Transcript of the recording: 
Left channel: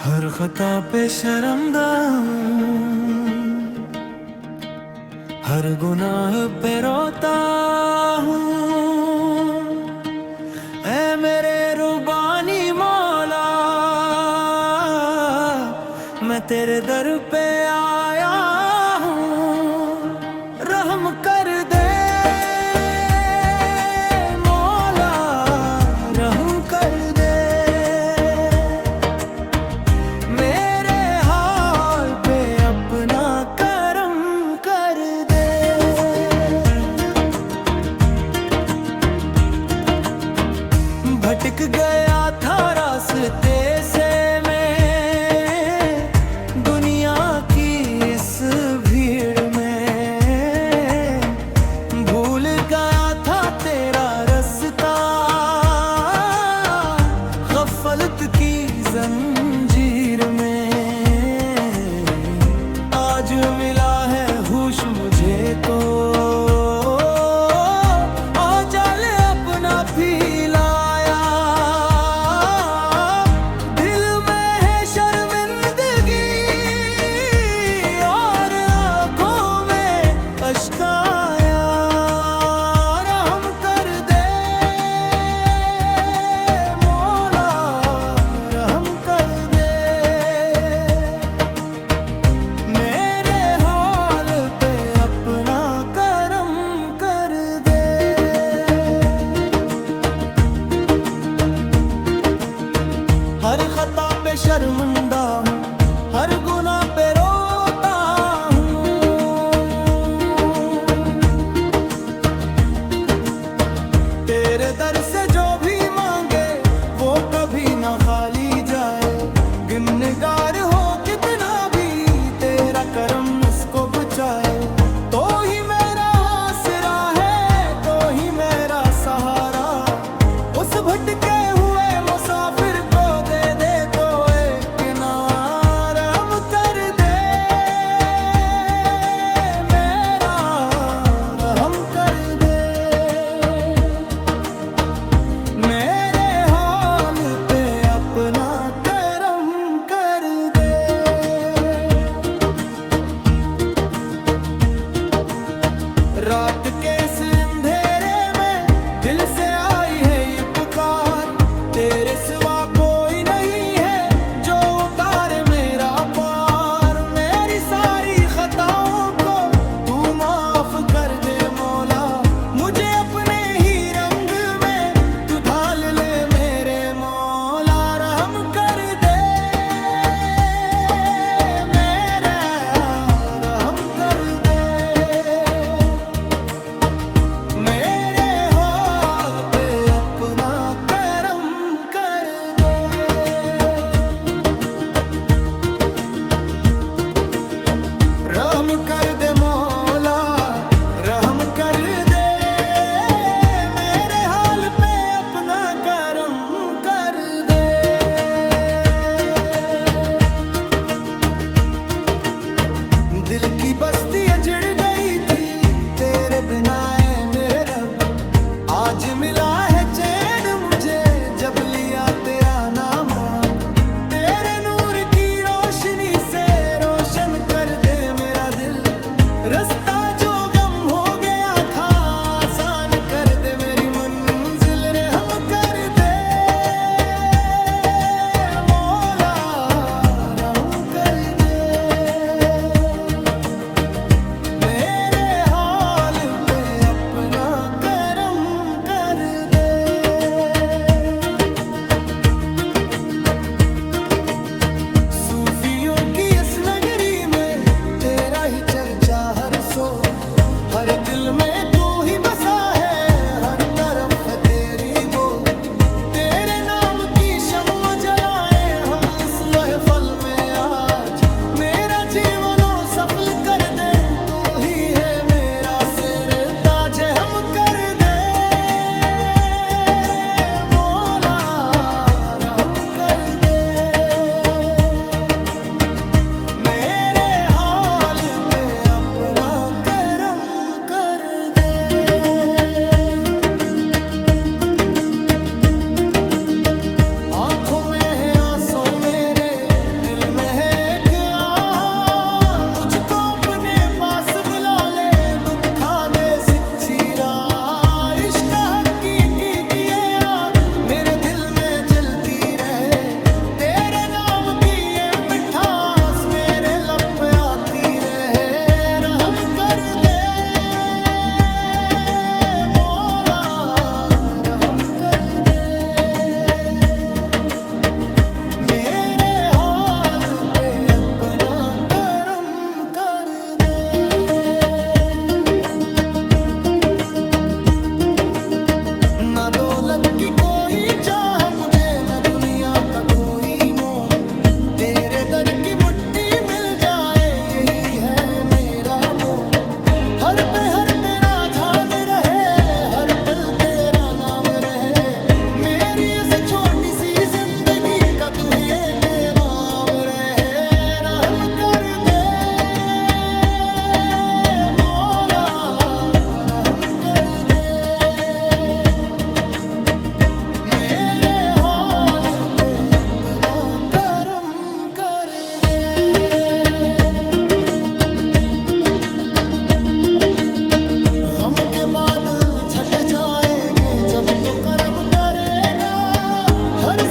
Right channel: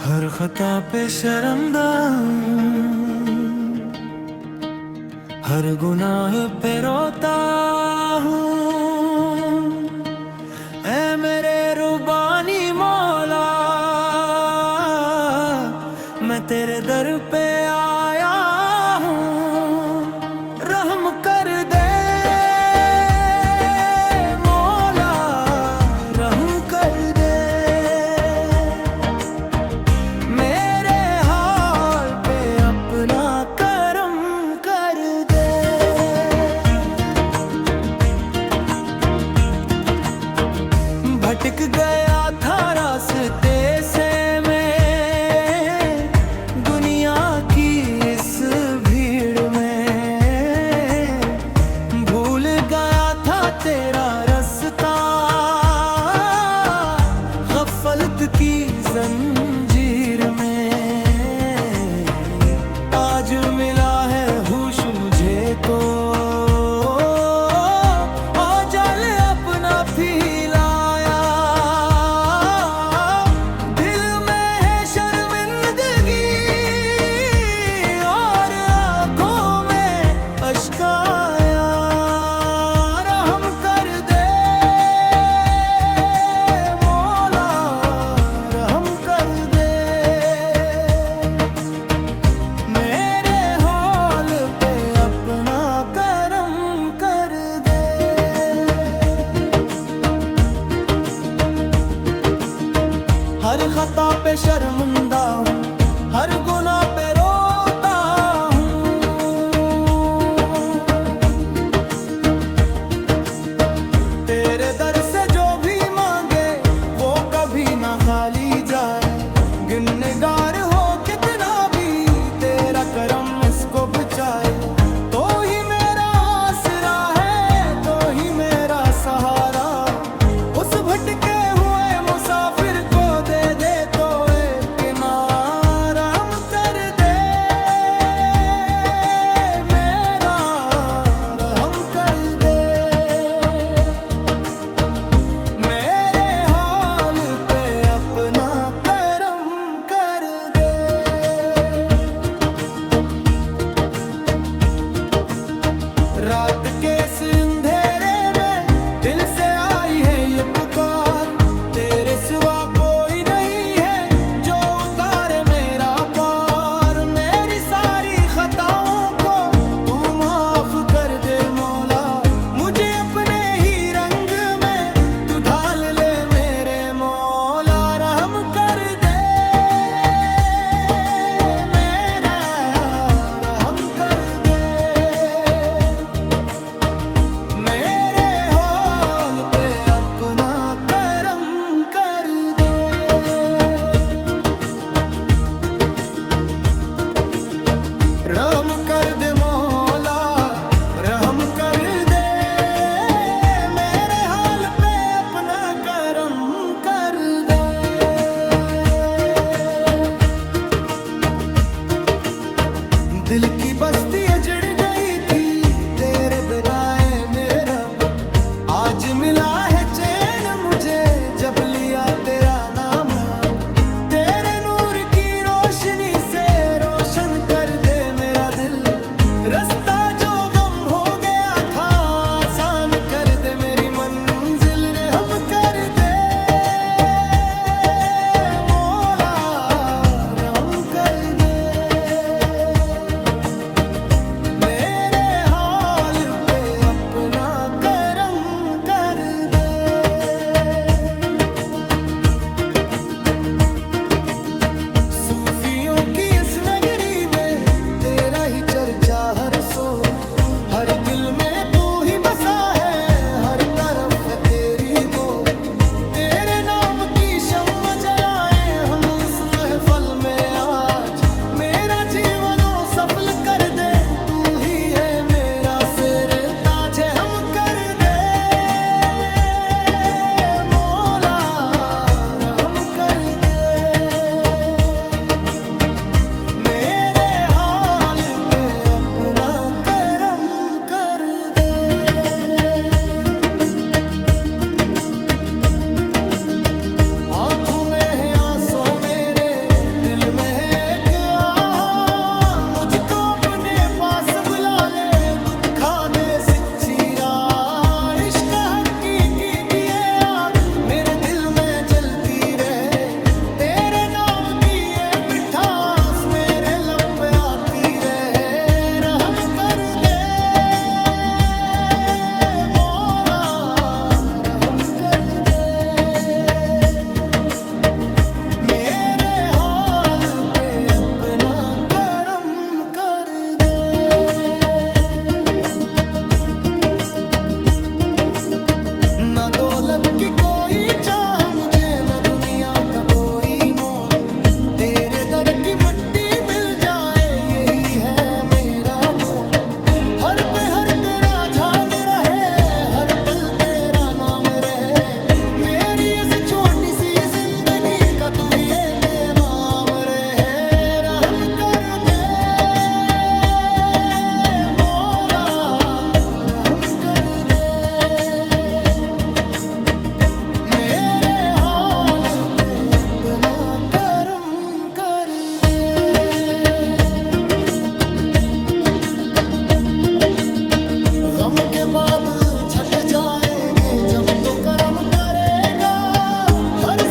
हर खता पे शर्मदा हूँ, हर गुनाह पे रोता हूँ। ऐ मेरे रुबानी मौला, मैं तेरे दर पे आया हूँ। रहम कर दे मौला, रहम कर दे। मेरे हाल पे अपना करम कर दे। भटक गया था रास्ते से मैं, दुनिया की इस भीड़ में। भूल गया था तेरा रास्ता, गफलत की जंजीर में। आज मिला है होश मुझे तो, औजल अपना फैलाया। दिल में है शर्मिंदगी और आंखों में अश्क आया। रहम कर दे मौला, रहम कर दे। मेरे हाल पे अपना करम कर दे। हर खता पे शर्मिंदा हूँ, हर गुनाह पे रोता हूँ। तेरे दर से जो भी मांगे वो कभी ना खाली जाए। गुनहगार हो कितना भी, तेरा करम इसको बचाए। तो ही मेरा आसरा है, तो ही मेरा सहारा। उस भटके हुए मुसाफिर को दे दे तो एक किनारा। रहम कर दे मेरा, रहम कर दे। मेरे हाल पे अपना करम कर दे। रात के इस अंधेरे में दिल से आई है ये पुकार। तेरे सिवा कोई नहीं है जो उतारे मेरा पार। मेरी सारी खताओं को तू माफ कर दे मौला। मुझे अपने ही रंग में तू ढाल ले मेरे मौला। रहम कर दे मेरा, रहम कर दे। मेरे हाल पे अपना करम कर दे। रहम कर दे मौला, रहम कर दे। मेरे हाल पे अपना करम कर दे। दिल की बस्ती अजड़ गई थी तेरे बिना ऐ मेरे रब। आज मिला है चैन मुझे जब लिया तेरा नाम। तेरे नूर की रोशनी से रोशन कर दे मेरा दिल। रास्ता जो गम हो गया था आसान कर दे मेरी मंजिल। रहम कर दे मौला, रहम कर दे। मेरे हाल पे अपना करम कर दे। सूफियों की इस नगरी में तेरा ही चर्चा हर सो। हर दिल में तू ही बसा है, हर तरफ है तेरी बो। तेरे नाम की शम्मा जलाए हम इस महफल में आज। मेरा जीवनो सफल कर दे, तू ही है मेरा सिर ताज। हम कर दे मौला, रहम कर दे। मेरे हाल पे अपना करम कर दे। ना दौलत की कोई चाह मुझे, न दुनिया का कोई मोल। तेरे दर की मिट्टी मिल जाए यही है मेरा बोल। हर पे हर तेरा ध्यान रहे, हर पल तेरा नाम रहे। मेरी इस छोटी सी जिंदगी का तू ही एक नाम रहे। रहम कर दे मौला, रहम कर दे मेरे हाल पे अपना करम कर दे। गम के बादल छट जाएंगे जब तो करम करेगा। हर